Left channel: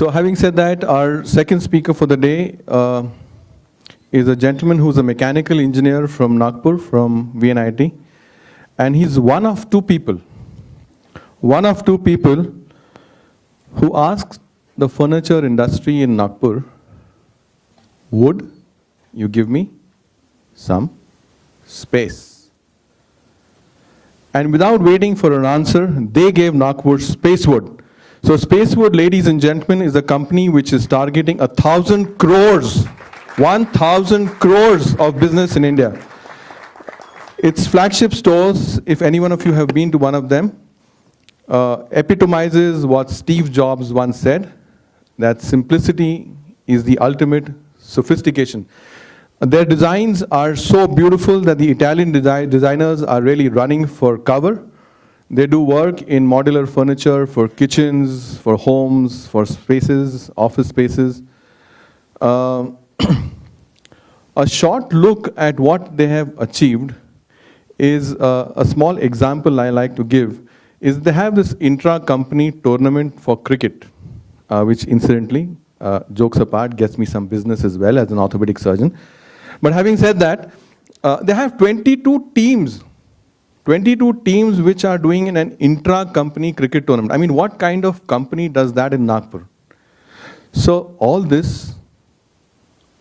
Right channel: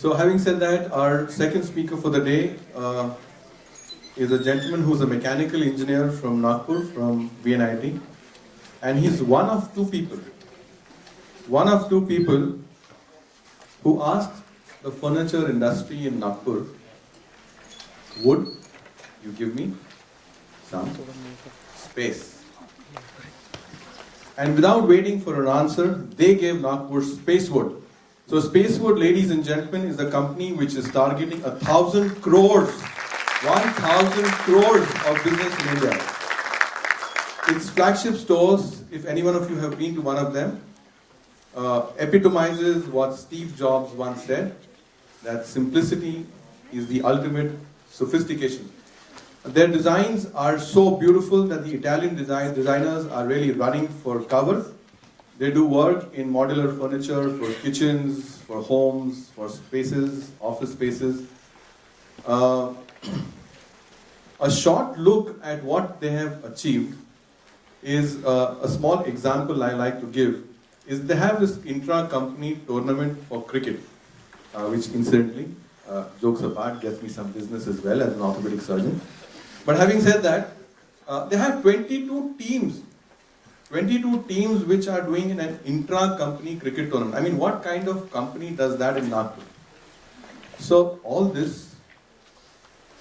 So having said that, our second speaker for the day is a gentleman who's a mechanical engineer from Nagpur, from VNIT. And he's one of two people who asks the furniture industry in Nagpur, would you give me some space? And without waiting for an answer, they gave Nagpur Spacewood. So Spacewood, ladies and gentlemen, is a company which is targeting 1,000 crores, 1,000 crores of business in India. Its flagship stores, if any one of you have been to one of them, epitomizes what Steve Jobs once said, that simplicity is the ultimate sophistication. Their designs are so beautiful that the Italian designers are really running for cover. They do work in modular furniture for kitchens, for homes, for spaces, office spaces. A short look at what they have achieved is a small example I like to give. Is they have this intra-company tournament for cricket, which incidentally, jokes apart, gets me some business as well as an orthopedic surgeon. But having said that, they have 22 teams which are doing in an intra-company cricket tournament. I mean, what kind of company does that in Nagpur? So all this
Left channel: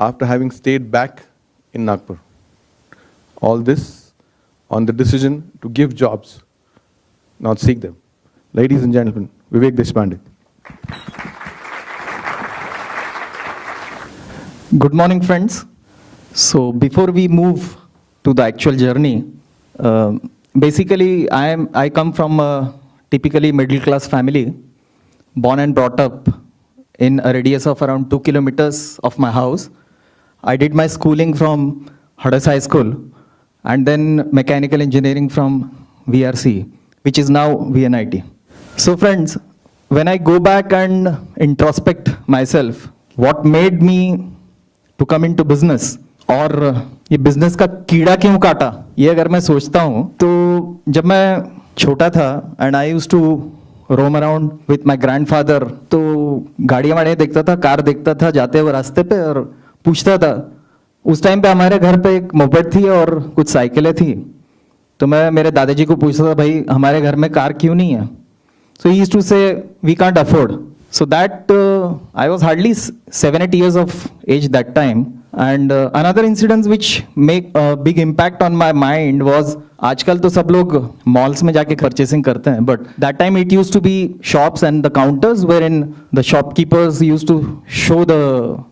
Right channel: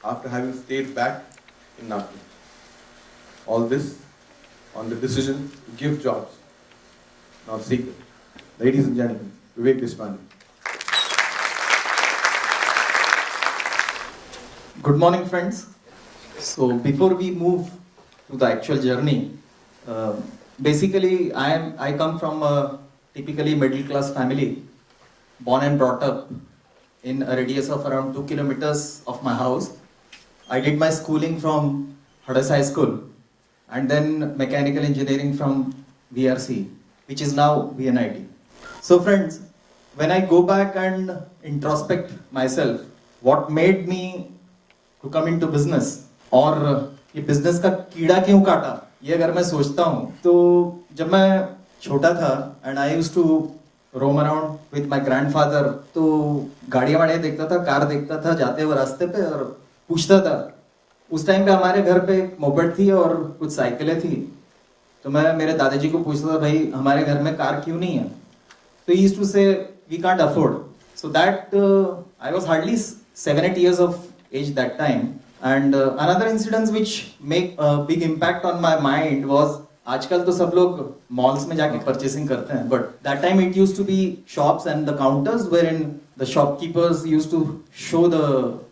after having stayed back in Nagpur. All this on the decision to give jobs, not seek them. Ladies and gentlemen, Vivek Deshpande. Good morning, friends. So before we move to the actual journey, basically I come from a typically middle class family, born and brought up in a radius of around 2 kilometers of my house. I did my schooling from Hadas High School and then mechanical engineering from VRC, which is now VNIT. So friends, when I go back and introspect myself, what made me to come into business, और ये business का कीड़ा क्यों काटा, ये अगर मैं सोचता हूँ तो जब मैं छोटा था and I used to roam around with my grandfather, तो गाड़ियाँ वाड़ियाँ देखता था, कार देखता था जाते हुए रास्ते पे और पूछता था. उस टाइम पे हमारे घर पे एक मोपेड थी और कुछ साइकिलें थी, तो मैं मेरे दादाजी को पूछता था, भाई हमारे घर में कार क्यों नहीं है? So he used to say, we can't afford. So that I was hardly 7-8 years of age that time. And another incident which make a big impact on my mind was, आजकल तो सब लोग malls में जाके purchasing करते हैं, but that time it used to be shops and the counters wherein the shopkeepers used to show the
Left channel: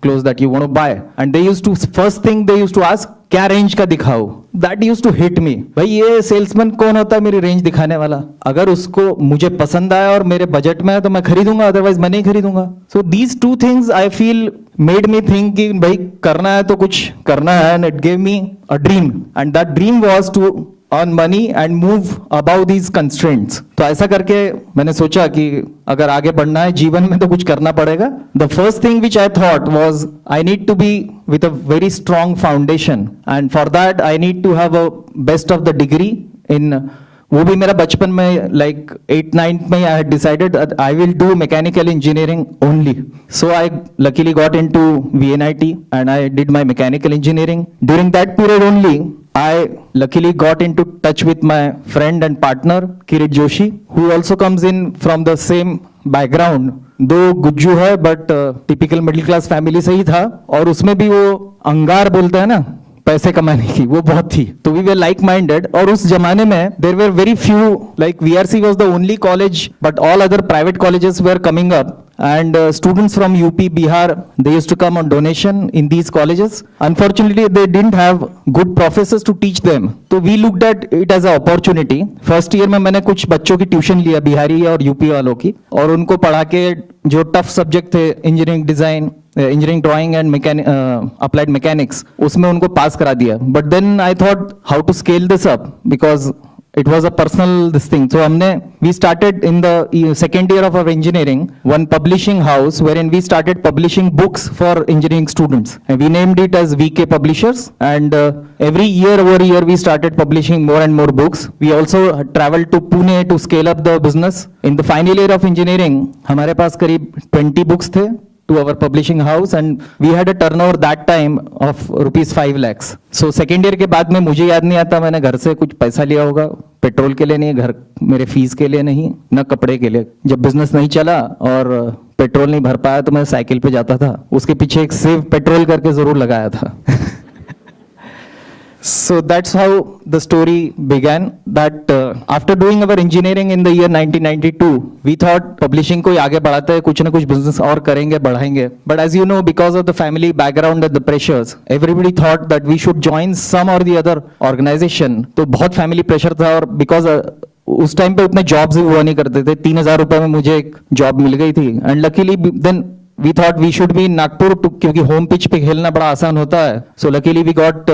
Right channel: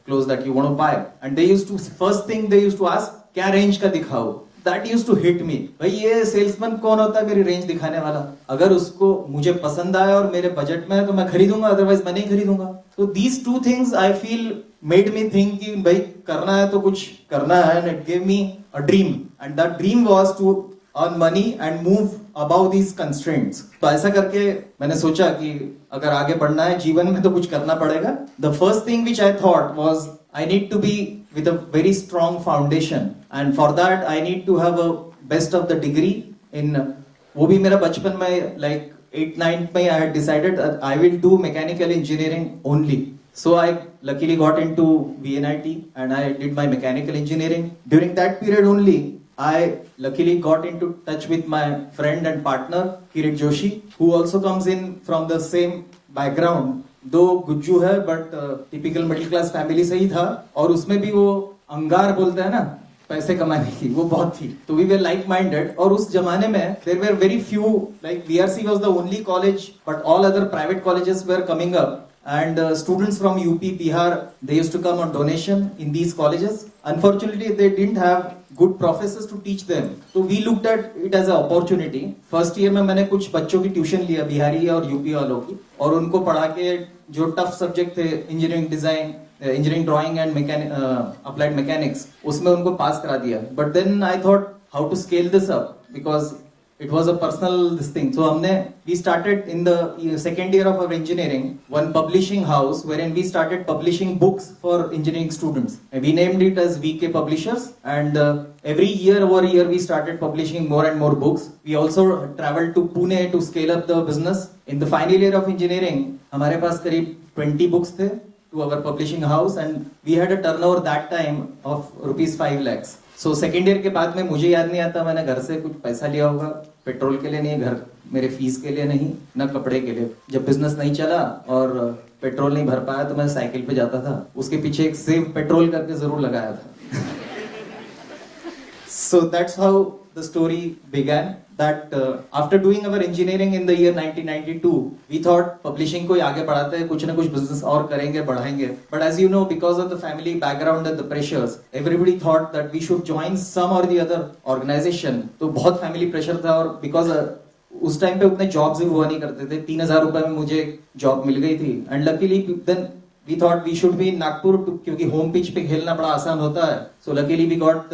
clothes that you want to buy, and they used to first thing they used to ask, क्या range का दिखाओ. That used to hit me. भाई ये salesman कौन होता है मेरी range दिखाने वाला? अगर उसको मुझे पसंद आया और मेरे बजट में है तो मैं खरीदूंगा, अदरवाइज मैं नहीं खरीदूंगा. So these two things I feel made me think कि भाई करना है तो कुछ करना है, and it gave me a dream, and that dream was to earn money and move above these constraints. तो ऐसा करके मैंने सोचा कि अगर आगे बढ़ना है जीवन में तो कुछ करना पड़ेगा. The first thing which I thought was I need to be with a very strong foundation, and for that I need to have a best of the degree in, वो भी मेरा बचपन में like 8-9 में I had decided that I will do mechanical engineering only. So I luckily got into VNIT and I did my mechanical engineering. During that period only, I luckily got into touch with my friend and partner Kirit Joshi, who also comes in from the same background. दो गुज्जू है but typical middle class family से ही था, और उसमें भी वो अंगार बोलता है ना पैसे कमाने की, वो बहुत थी. तो we were like minded, और उस जमाने में there were very few, like VRC was the only college but all other private colleges were coming up. And students from UP, Bihar, they used to come on donation in these colleges. Unfortunately, they didn't have good professors to teach them. So we looked at it as an opportunity. First year में मैंने कुछ बच्चों की tuition लिया बिहारी और UP वालों की, और उनको पढ़ा के जो टफ सब्जेक्ट थे engineering design, engineering drawing and applied mechanics, उसमें उनको पास करा दिया. But then I thought how to scale this up, because it was a personal this thing. So we started in the second year of our engineering one publishing house wherein we started publishing books for engineering students, and we named it as VK Publishers. And every year over year we started publishing more and more books. We also traveled to Pune to scale up the business. In the final year of engineering, हमारे पास करीब 20 books थे to our publishing house, and we had a turnover that time of rupees 5 lakhs. So second year के बाद में मुझे याद नहीं आता मैंने घर से कुछ पैसा लिया होगा, पेट्रोल के लिए नहीं, घर मेरे फीस के लिए नहीं, न कपड़े के लिए. जब बिजनेस नहीं चला और पेट्रोल नहीं भर पाया तो मैं साइकिल पे जाता था, उसके पीछे एक सेव पेट्रोल करके जरूर लगाया था. So that's how the story began. That after doing our engineering in the year 1992, we thought publishing को आगे बढ़ाते हैं, कुछ ना कुछ business और करेंगे, बढ़ाएंगे. But as you know, because of the family background and the pressures, everybody thought that we should join some or the other organization. तो बहुत family pressure था, और because उस टाइम पे उतने जॉब्स हुआ नहीं करते थे. 3,000 रुपए में मुझे एक जॉब मिल गई थी. And luckily then we thought we should be in Nagpur क्योंकि home pitch पे खेलना बड़ा आसान होता है. So luckily we got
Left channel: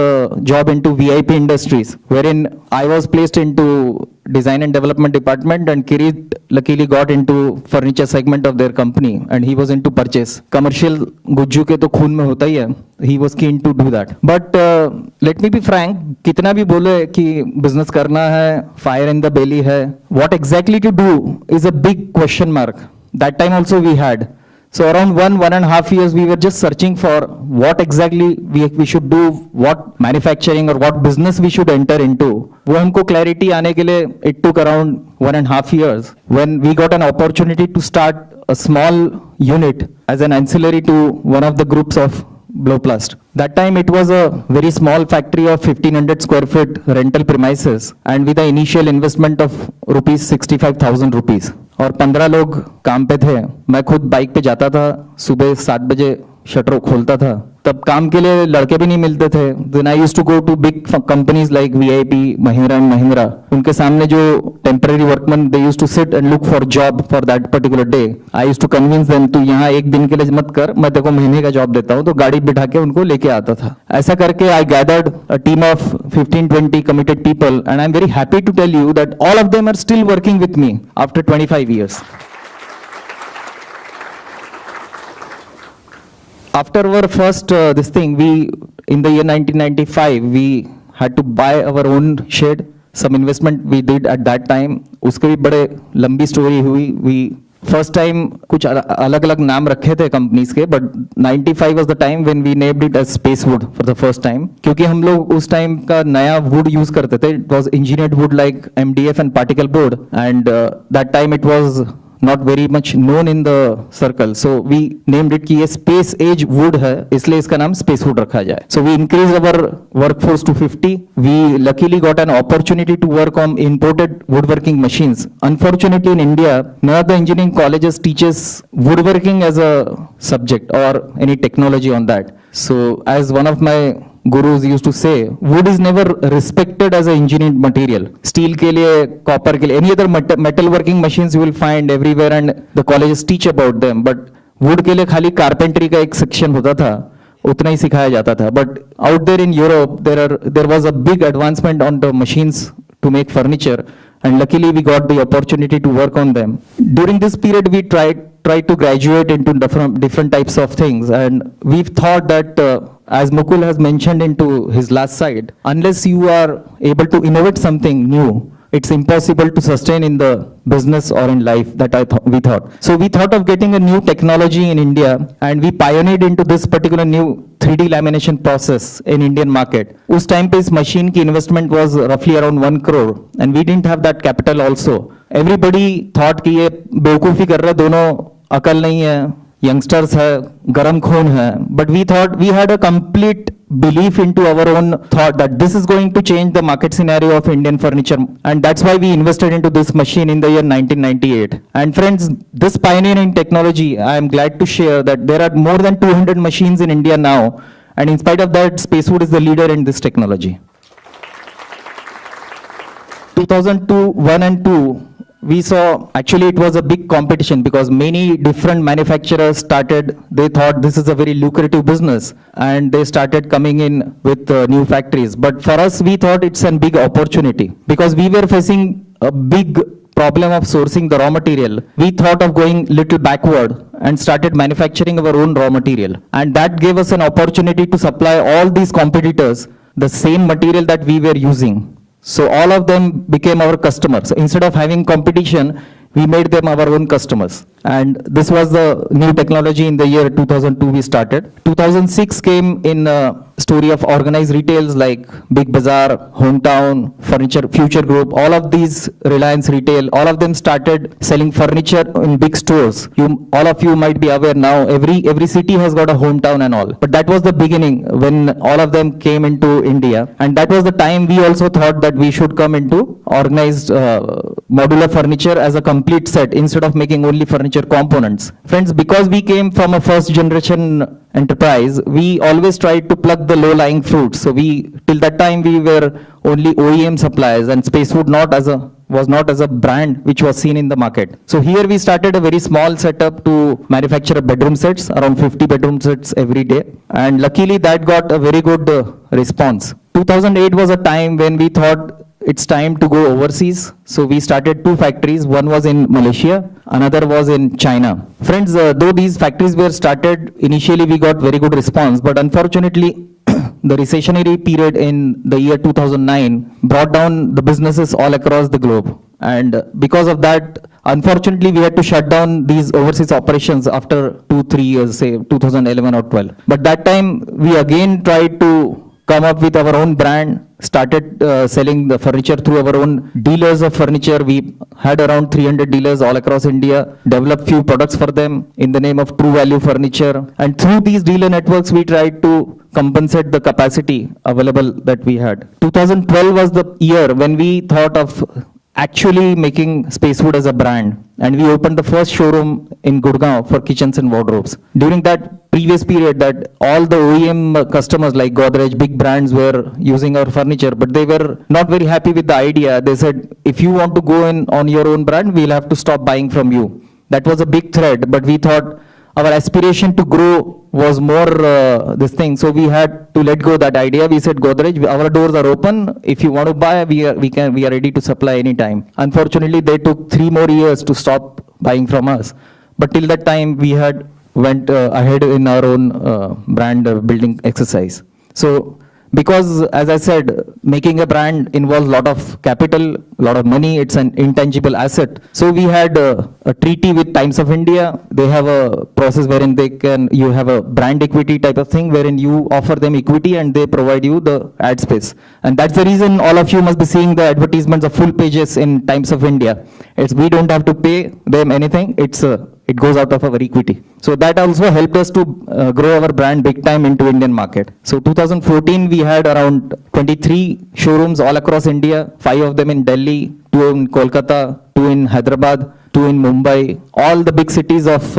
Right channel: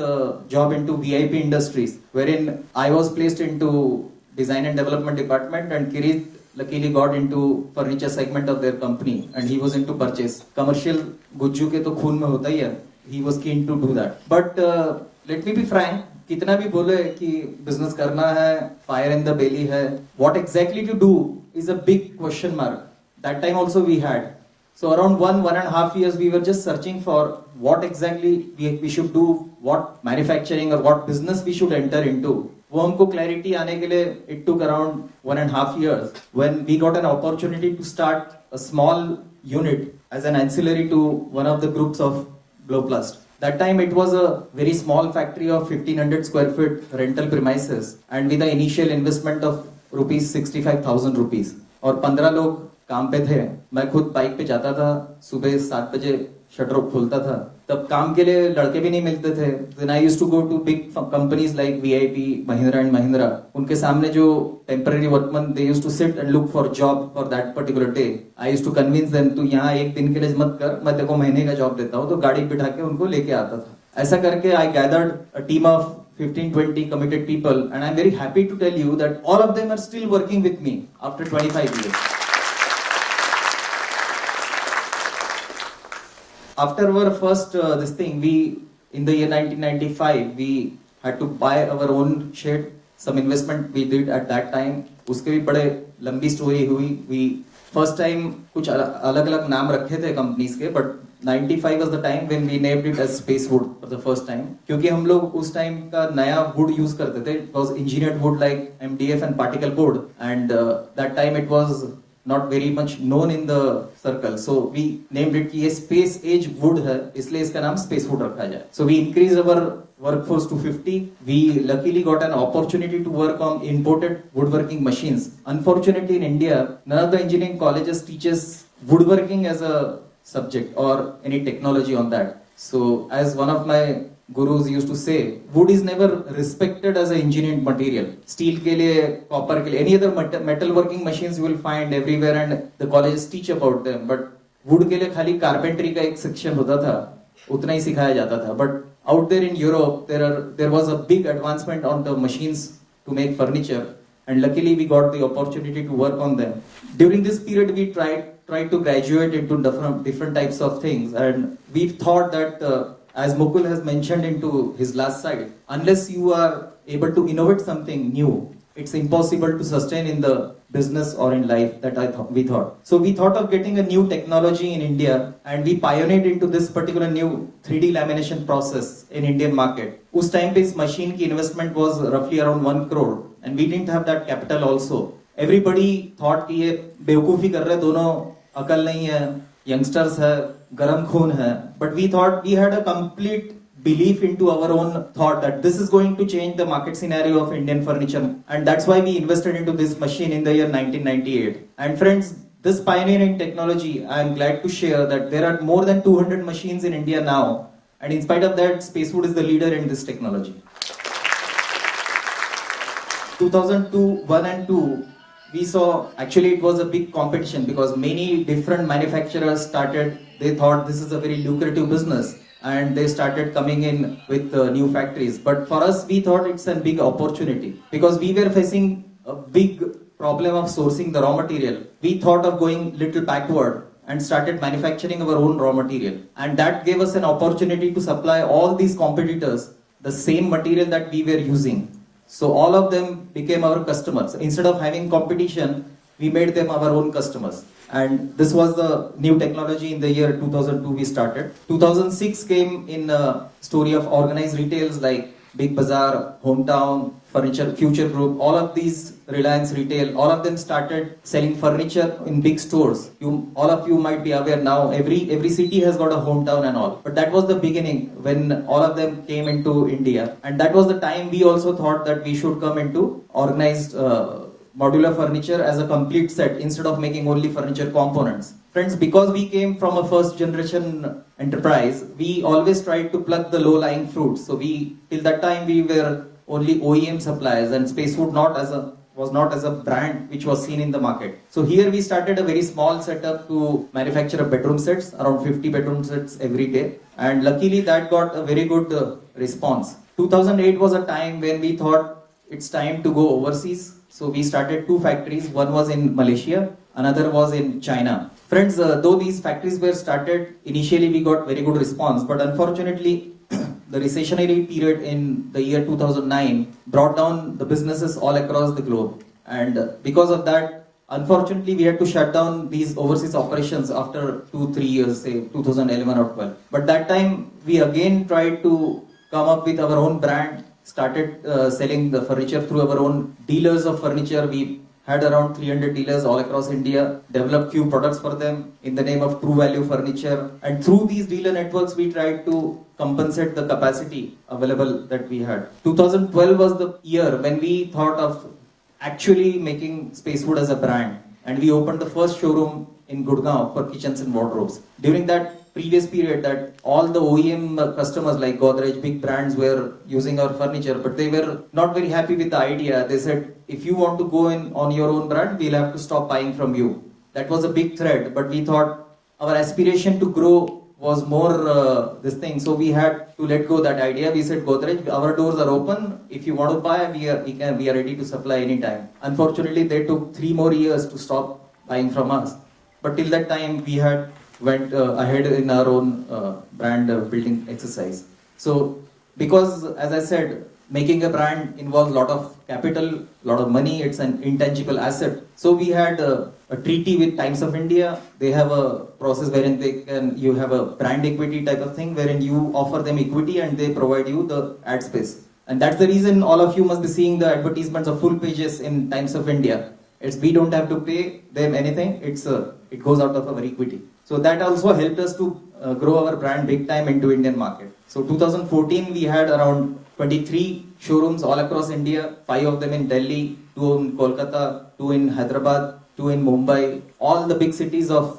job into VIP Industries, wherein I was placed into design and development department, and Kirit luckily got into furniture segment of their company, and he was into purchase. Commercial Gujju के तो खून में होता ही है. He was keen to do that. But let me be frank, कितना भी बोले कि business करना है, fire in the belly है, what exactly to do is a big question mark. That time also we had. So around 1.5 years we were just searching for what exactly we should do, what manufacturing or what business we should enter into. वो हमको clarity आने के लिए it took around 1.5 years when we got an opportunity to start a small unit as an ancillary to one of the groups of Blowplast. That time it was a very small factory of 1500 square feet rental premises, and with the initial investment of rupees 65,000 rupees. और 15 लोग काम पे थे. मैं खुद bike पे जाता था, सुबह 7 बजे शटर खोलता था. तब काम के लिए लड़के भी नहीं मिलते थे. Then I used to go to big companies like VIP, Mahindra and Mahindra. उनके सामने जो temporary workmen, they used to sit and look for job for that particular day. I used to convince them, तू यहाँ एक दिन के लिए मत कर, मैं तेरे को महीने का जॉब देता हूँ. तो गाड़ी बिठा के उनको लेके आता था. ऐसा करके I gathered a team of 15-20 committed people, and I'm very happy to tell you that all of them are still working with me after 25 years. After our first this thing, we in the year 1995 we had to buy our own shed. Some investment we did at that time. उसके भी बड़े लंबी story हुई. We first time कुछ अलग अलग नाम रखे थे कंपनीज के, but 95 was the time when we named it as Spacewood for the first time. क्योंकि हम लोग उस टाइम का नया wood use करते थे. It was engineered wood like MDF and particle board, and that time it was not very much known in the circle. So we named it कि ये space age wood है, इसलिए इसका नाम Spacewood रखा जाए. So we increased our workforce to 50. We luckily got an opportunity to work on imported woodworking machines. Unfortunately in India, none of the engineering colleges teaches woodworking as a subject or any technology on that. So as one of my gurus used to say, wood is never respected as an engineered material. Steel के लिए, copper के लिए, any other metal working machines you will find everywhere, and the colleges teach about them. But wood के लिए खाली carpentry का एक section होता था, उतना ही सिखाया जाता था. But out there in Europe, there was a big advancement on the machines to make furniture, and luckily we got the opportunity to work on them. During this period, we tried to graduate into different types of things, and we thought that as Mukul has mentioned into his last slide, unless you are able to innovate something new, it's impossible to sustain in the business or in life. That we thought. So we thought of getting a new technology in India, and we pioneered into this particular new 3D lamination process in Indian market. उस time पे इस machine की investment was roughly around 1 crore, and we didn't have that capital also. Everybody thought कि ये बेवकूफ़ी कर रहे, दोनों अकल नहीं है, youngsters है, गरम खून है. But we thought, we had a complete belief into our own thought that this is going to change the market scenario of Indian furniture, and that's why we invested into this machine in the year 1998. And friends, this pioneering technology, I am glad to share that there are more than 200 machines in India now, and in spite of that, Spacewood is the leader in this technology. 2002, 1 and 2, we saw actually it was a big competition because many different manufacturers started, they thought this is a very lucrative business and they started coming in with new factories. But for us, we thought it's a big opportunity because we were facing a big problem of sourcing the raw material. We thought of going little backward and started manufacturing our own raw material. And that gave us an opportunity to supply all these competitors the same material that we were using. So all of them became our customers. Instead of having competition, we made them our own customers. And this was the new technology in the year 2002 we started. 2006 came in a story of organized retails like Big Bazaar, Hometown, Furniture, Future Group, all of these Reliance Retail, all of them started selling furniture in big stores. All of you might be aware now, every city has got a Hometown and all. But that was the beginning when all of them came into India. And that was the time we also thought that we should come into organized modular furniture as a complete set instead of making only furniture components. Friends, because we came from a first generation enterprise, we always tried to pluck the low-lying fruits. So till that time we were only OEM suppliers and Spacewood was not as a brand which was seen in the market. So here we started a very small setup to manufacture bedroom sets, around 50 bedroom sets every day. And luckily that got a very good response. 2008 was a time when we thought it's time to go overseas. So we started 2 factories. One was in Malaysia, another was in China. Friends, though these factories were started, initially we got very good response, but unfortunately the recessionary period in the year 2009 brought down the businesses all across the globe. And because of that, unfortunately, we had to shut down these overseas operations after 2-3 years, say 2011 or 12. But that time we again tried to come up with our own brand, started selling the furniture through our own dealers of furniture. We had around 300 dealers all across India, developed few products for them in the name of True Value Furniture. And through these dealer networks, we tried to compensate the capacity available that we had. 2012 was the year when we thought of actually making Spacewood as a brand. And we opened the first showroom in Gurgaon for kitchens and wardrobes. During that previous period, that all the OEM customers like Godrej, big brands were using our furniture, but they were not very happy with the idea. They said, if you want to go in on your own brand, we'll have to stop buying from you. That was a big threat, but we thought our aspiration to grow was more this thing. So we had to let go that idea. We said, Godrej, our doors are open. If you want to buy, we are ready to supply anytime. Unfortunately, they took 3 more years to stop buying from us. But till that time, we had went ahead in our own brand building exercise. So because, as I said, making a brand involves a lot of capital, a lot of money. It's an intangible asset. So we had a treaty with Times of India. They have a process wherein you have a brand equity type of thing, wherein you offer them equity and they provide you the ad space. And that's the reason all of you must be seeing the advertisements of full pages in Times of India. We don't have to pay them anything. It goes out of our equity. So that also helped us to grow our brand big time into Indian market. So 2014 we had around 23 showrooms all across India, 5 of them in Delhi, 2 in Kolkata, 2 in Hyderabad, 2 in Mumbai. All the big cities of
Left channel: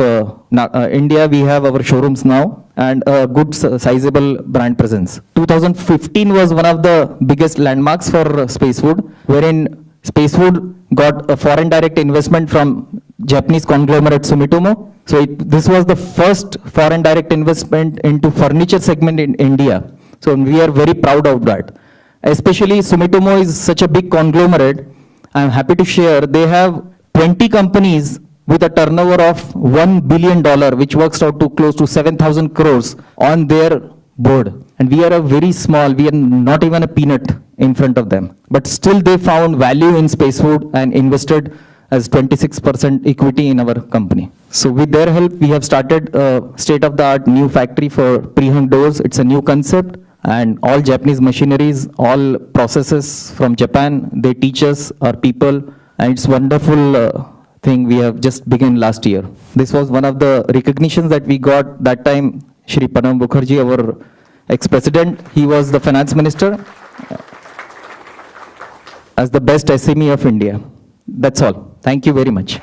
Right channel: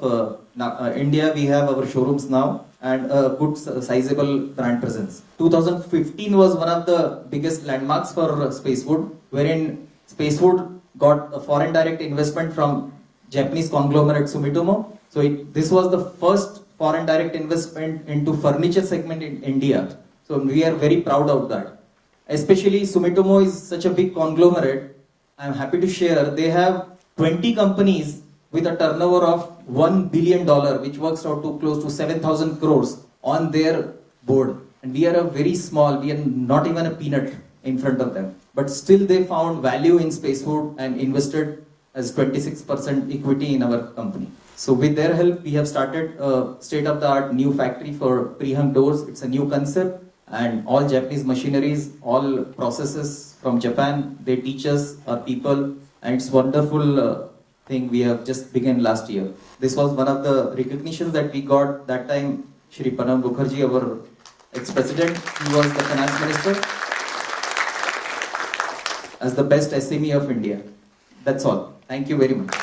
India we have our showrooms now and a good sizable brand presence. 2015 was one of the biggest landmarks for Spacewood, wherein Spacewood got a foreign direct investment from Japanese conglomerate Sumitomo. So this was the first foreign direct investment into furniture segment in India. So we are very proud of that. Especially Sumitomo is such a big conglomerate. I'm happy to share they have 20 companies with a turnover of $1 billion, which works out to close to 7,000 crores on their board. And we are a very small, we are not even a peanut in front of them. But still they found value in Spacewood and invested as 26% equity in our company. So with their help, we have started a state-of-the-art new factory for pre-hung doors. It's a new concept and all Japanese machineries, all processes from Japan, they teach us, our people, and it's wonderful thing we have just begun last year. This was one of the recognitions that we got that time. Shri Pranab Mukherjee, our ex-president, he was the finance minister as the best SME of India. That's all. Thank you very much.